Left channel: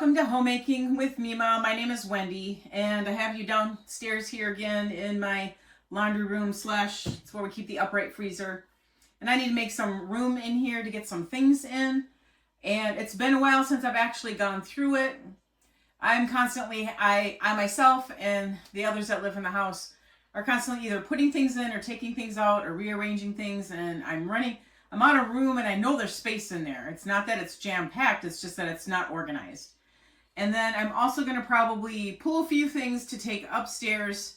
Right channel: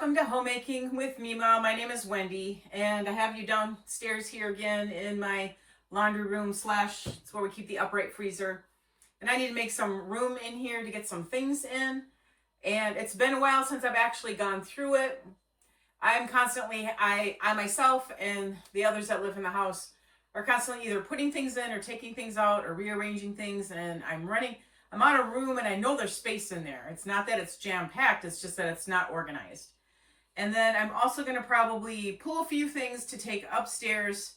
welcome to Homemaking with Mema. My name is Wendy, and I have you downstairs here again in my laundry room slash it's where we keep the upright freezer. And I need to make some room in here to get some things in. And it's been a while since I've actually gone through it. I myself and the others that live in the house are constantly either putting things in or taking things out or rearranging things, and I'm out of room, and I know there's space in there. It's not that it's jam-packed, it's just that it's not organized. And then I'm also going to probably pull a few things to take upstairs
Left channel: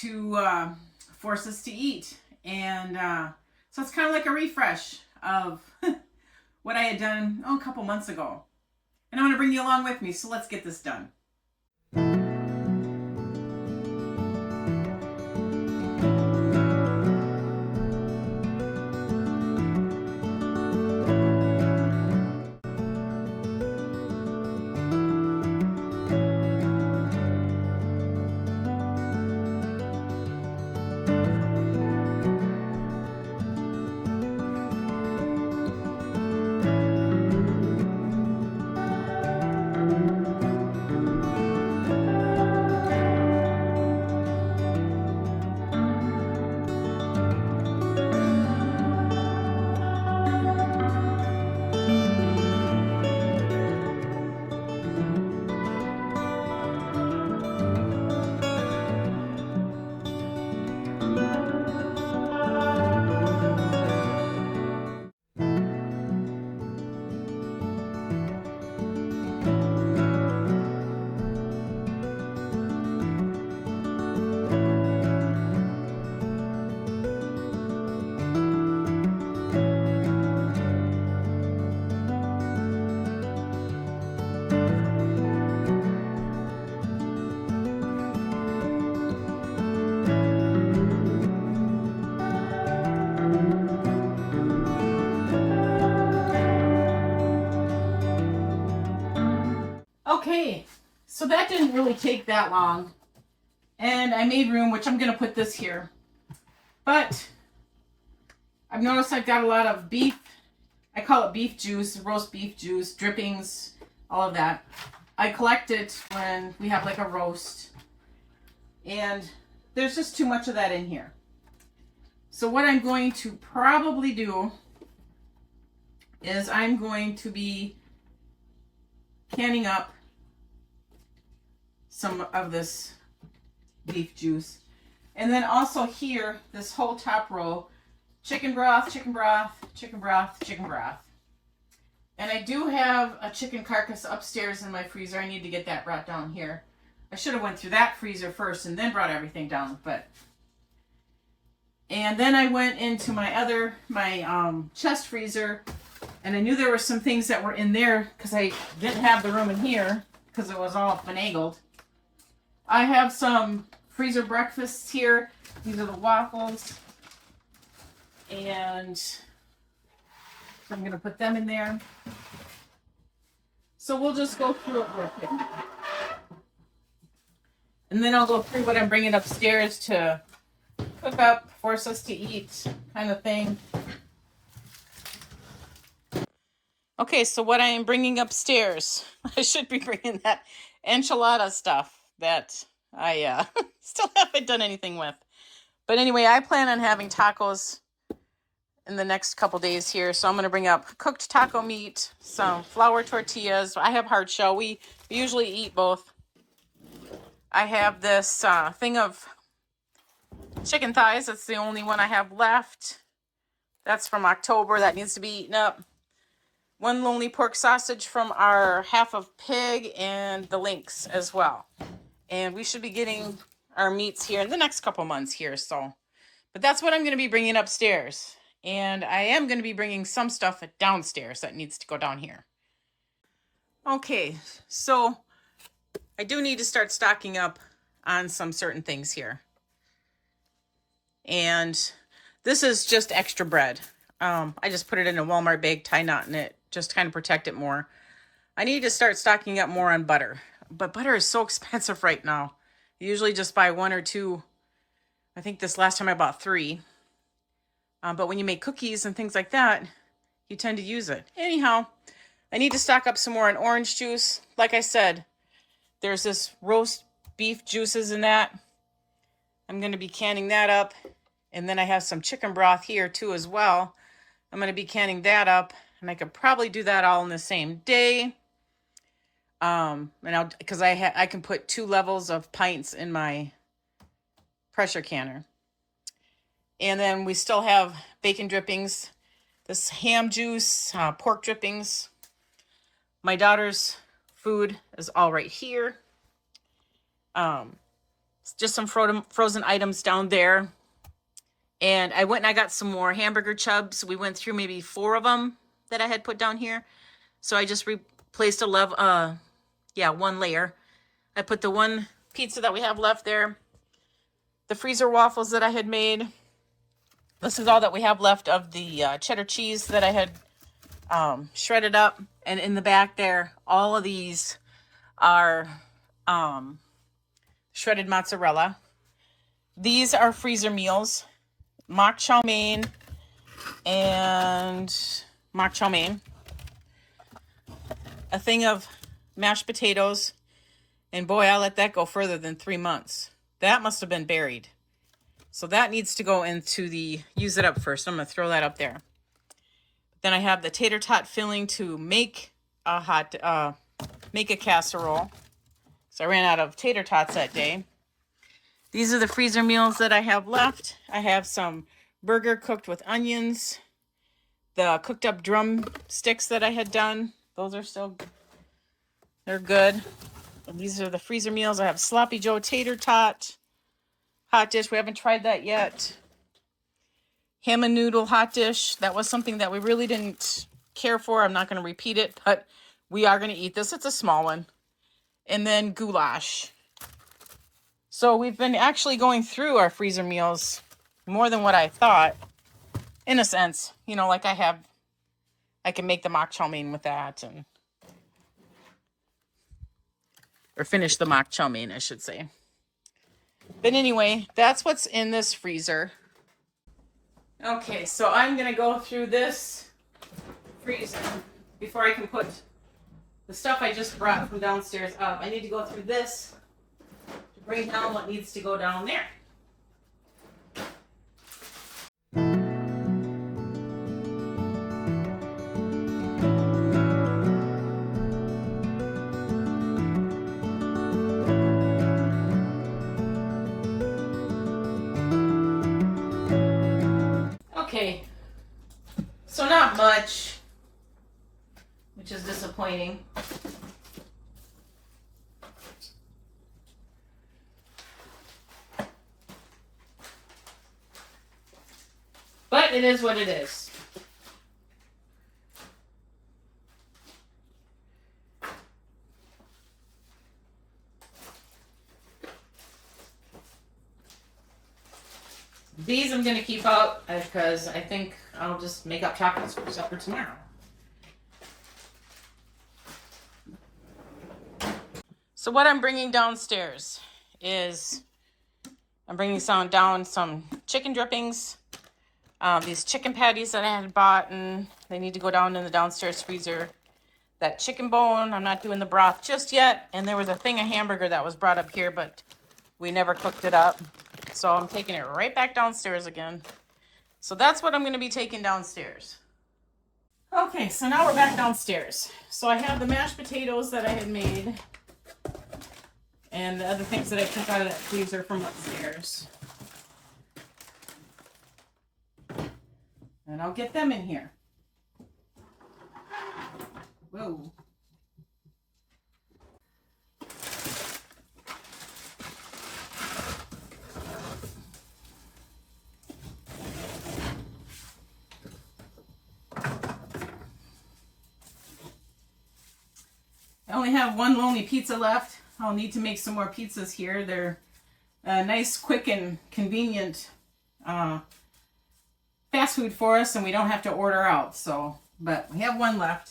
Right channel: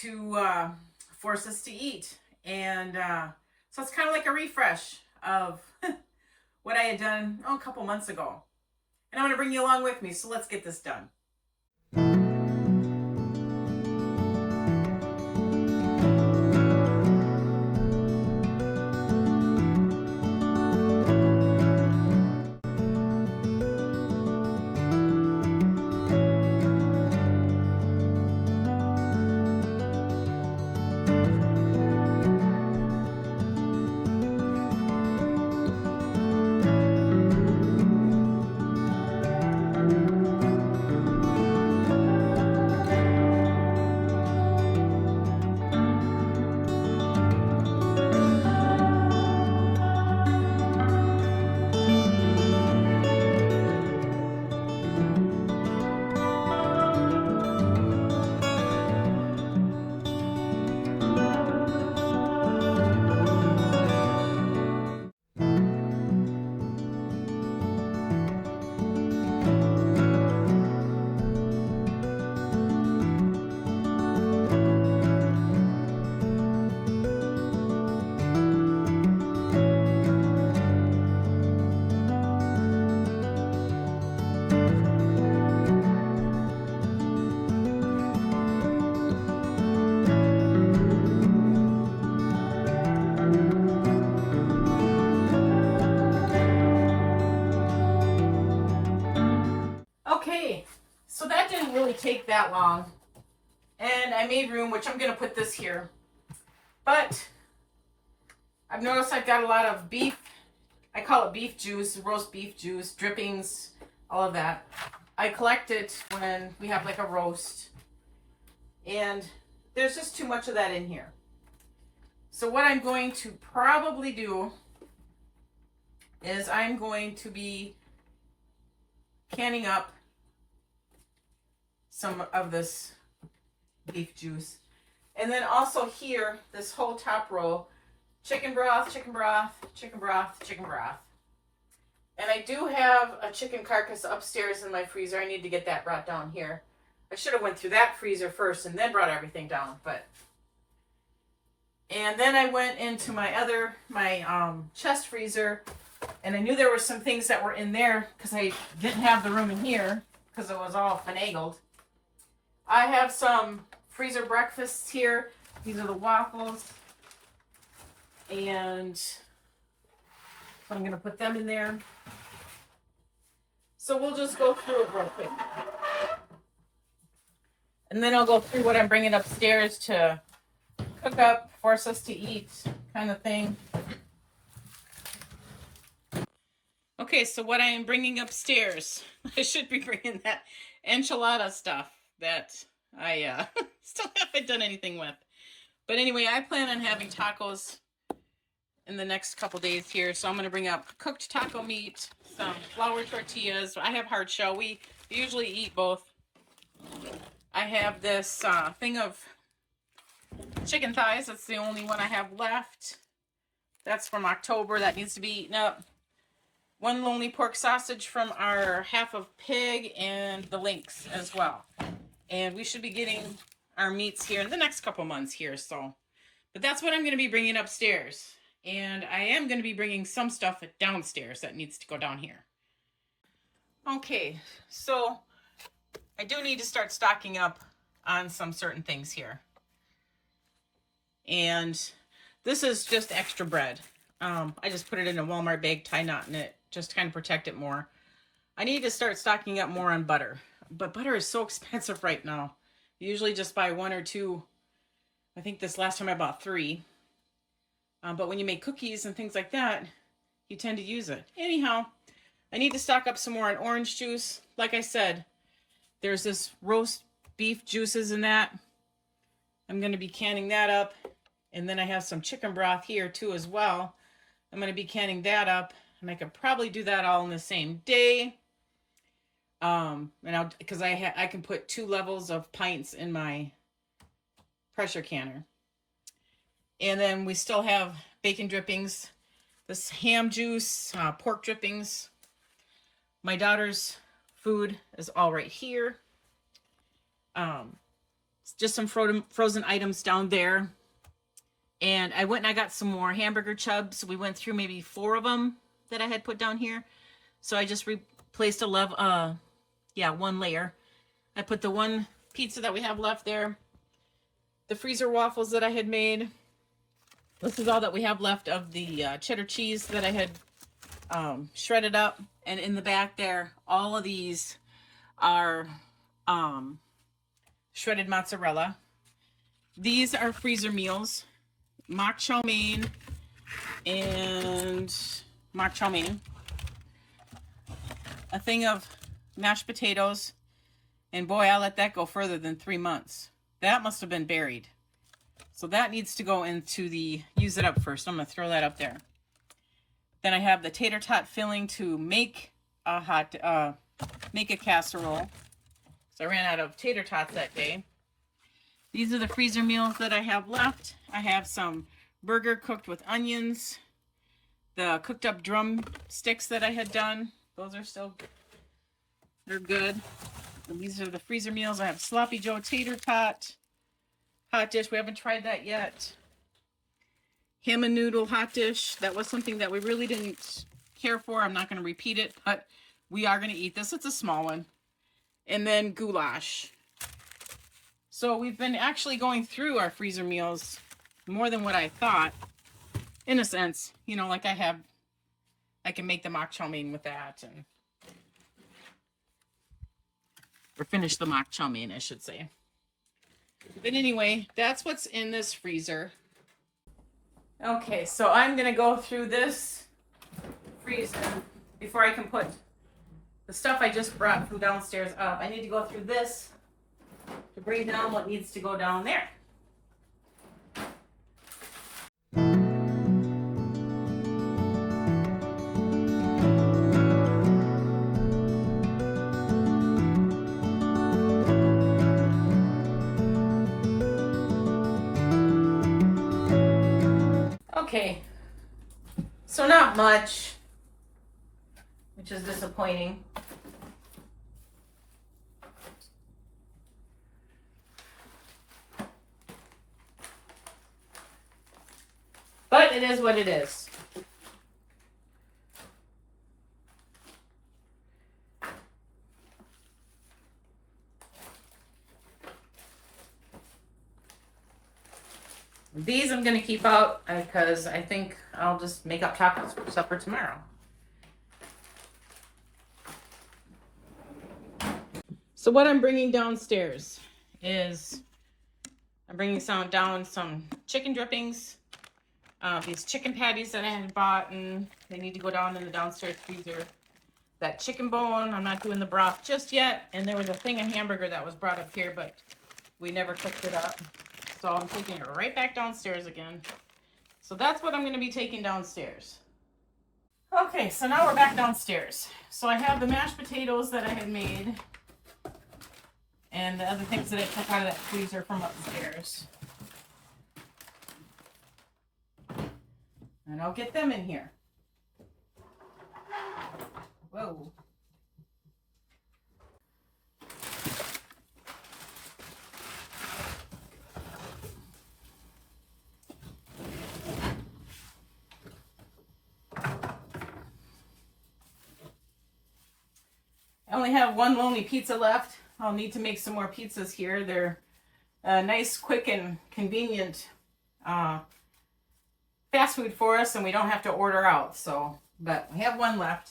to force us to eat. And so it's kind of like a refresh of what I had done a couple months ago. And I'm going to bring you along with me, so let's get this done. Okay, so that didn't really take that long. And I made room, which I'm going to put this here. But I've noticed I've got a lot of beef. I call it beef juice, roast beef juice, drippings, all of that. I collect it when we have like a roast. And there's just too much of that in here. So what I'm going to probably do is I'm going to be canning up some of this beef juice. And then also here, this whole top row, chicken broth, chicken broth, chicken broth, chicken broth. And I do have a chicken carcass upstairs in my freezer. I need to get that brought down here. I should have went through that freezer first and then brought everything down, but. And then I went into my chest freezer, and I knew there were some things that were in there because I didn't have the room in here because it was all finagled. I have some freezer breakfasts here. These are the waffles. And I'm going to put them in there. So we'll just go through it real quick. And then I'll go through what I'm bringing upstairs to cook up, force us to eat kind of thing. Okay, so what I am bringing upstairs, I should be bringing that enchilada stuff that I still haven't done anything with. But anyway, I plan on having tacos in the next couple days here. So I'm going to bring up cooked taco meat, some flour tortillas. I have hard shell. We usually eat both. I have this thing of chicken thighs. That's the only one I have left. That's from October. That needs to be eaten up. One lonely pork sausage from our half of pig and the links as well. And we should be getting our meats here in the next couple months here. So, but that's what I'm going to be bringing upstairs. And I am going to be bringing some stuff downstairs that needs to go down here. Okay, so I do need to start stocking up on some certain things here. And this is just extra bread. I just put it in a Walmart bag, tie knot in it, just to kind of protect it more. I need to start stocking up more on butter. But butter is so expensive right now. I usually just buy one or two. I think this last time I bought 3. But when you make cookies and things like that, you tend to use it. Anyhow, I need to stock up some more on orange juice. Like I said, there's this roast beef juices in that. I'm going to be canning that up. And then I have some chicken broth here too as well. I'm going to be canning that up. And I could probably do that all in the same day. Because I can put 2 levels of pints in my pressure canner. And then we still have bacon drippings, this ham juice, pork drippings. My daughter's food is all right here. Just some frozen items down there. And I went and I got some more hamburger chubs. We went through maybe 4 of them that I had put down here. So I just replaced one layer. I put the 1 pizza that we have left there. The freezer waffles that I had made. This is all that we have left of the cheddar cheese that I had shredded up. And in the back there, all of these are shredded mozzarella. These are freezer meals. Mock chow mein and mock chow mein. A thing of mashed potatoes. And boy, I let that go further than 3 months. That must have been buried. So that needs to go into the use it up first. I'm going to throw that up there. Then I have the tater tot filling to make a casserole. So I ran out of tater tots that day. These are the freezer meals that I have left. I have some burger cooked with onions. The cooked up drum sticks that I had done. Those are still, they're good. And these are the freezer meals. I have Sloppy Joe tater tot. Hot dish. We haven't tried that yet. Ham and noodle hot dish. That was something that we really didn't care for. I'm not going to repeat it, but we are going to eat this. It's a small one. And then goulash. So we've been actually going through our freezer meals more than what I thought. In a sense, like I can make the mock chow mein with that, or finish the mock chow mein, I should say. But anyway, that's what's in this freezer. Okay, so I'm going to go through this freezer before I can put the stuff I just brought from downstairs up. I need to go through this to bring down what needs to go down there. Okay, so not much, which is disappointing. But it is what it is. These I'm going to keep out because I think I'll just make up tacos for supper tomorrow. So what I'm bringing downstairs is I'm bringing down some chicken drippings. These chicken patties that I had bought, and they need to go down in the downstairs freezer. That chicken bone, I'm not doing the broth just yet. And there was a thing of hamburger that was brought up here, but we never cooked it up. So I'm taking it right back downstairs again. So that's what I'm going to be taking downstairs. Okay, so now we're back downstairs. So I have the mashed potatoes that I had made. And the other things that I took out of that freezer from upstairs. And I'll get them in here. Whoa. I only have one lonely pizza left. I'll need to make some more pizzas here. They're nice, quick, and convenient fast food for us, and we don't have to order out. So, but we have one left.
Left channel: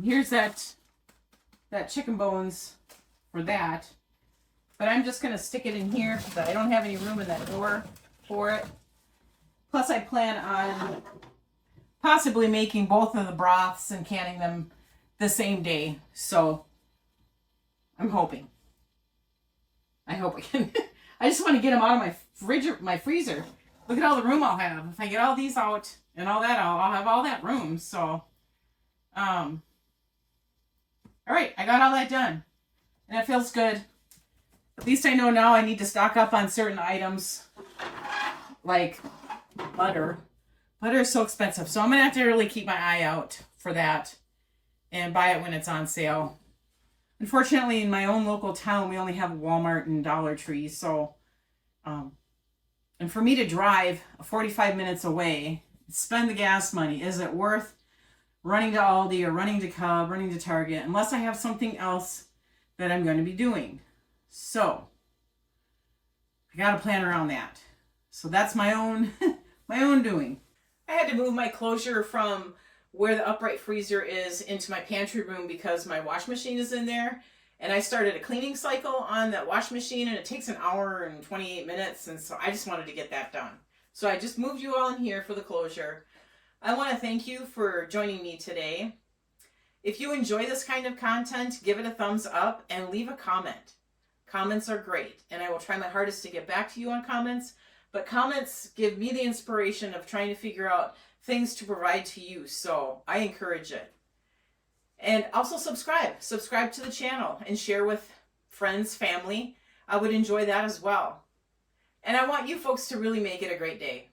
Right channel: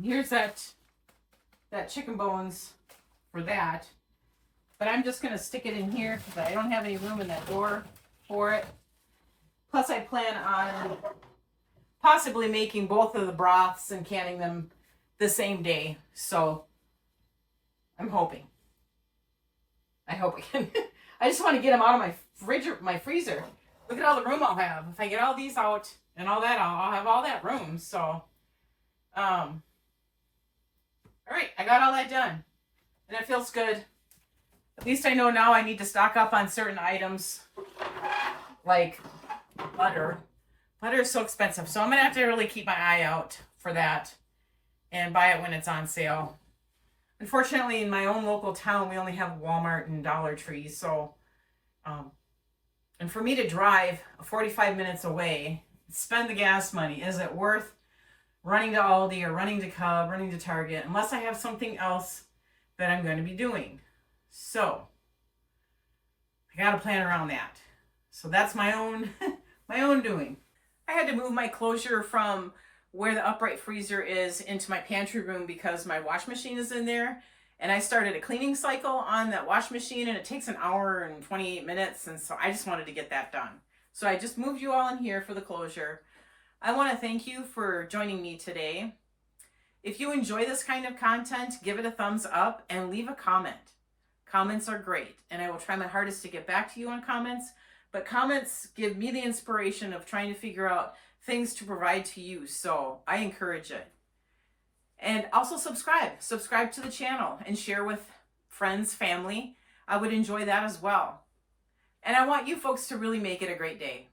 Here's that chicken bones for that. But I'm just going to stick it in here because I don't have any room in that door for it. Plus, I plan on possibly making both of the broths and canning them the same day. So I'm hoping. I hope I can. I just want to get them out of my freezer. Look at all the room I'll have. If I get all these out and all that, I'll have all that room. So, all right, I got all that done. And it feels good. At least I know now I need to stock up on certain items. Like butter. Butter is so expensive. So I'm going to have to really keep my eye out for that. And buy it when it's on sale. Unfortunately, in my own local town, we only have Walmart and Dollar Tree. So, and for me to drive 45 minutes away, spend the gas money, is it worth running to Aldi or running to Cub, running to Target, unless I have something else that I'm going to be doing? So, I got to plan around that. So that's my own, my own doing. I had to move my closure from where the upright freezer is into my pantry room because my wash machine is in there. And I started a cleaning cycle on that wash machine and it takes an hour and 28 minutes. And so I just wanted to get that done. So I just moved you all in here for the closure. I want to thank you for joining me today. If you enjoy this kind of content, give it a thumbs up and leave a comment. Comments are great. And I will try my hardest to get back to you on comments. But comments give me the inspiration of trying to figure out things to provide to you. So I encourage it. And also subscribe to the channel and share with friends, family. I would enjoy that as well. And I want you folks to really make it a great day.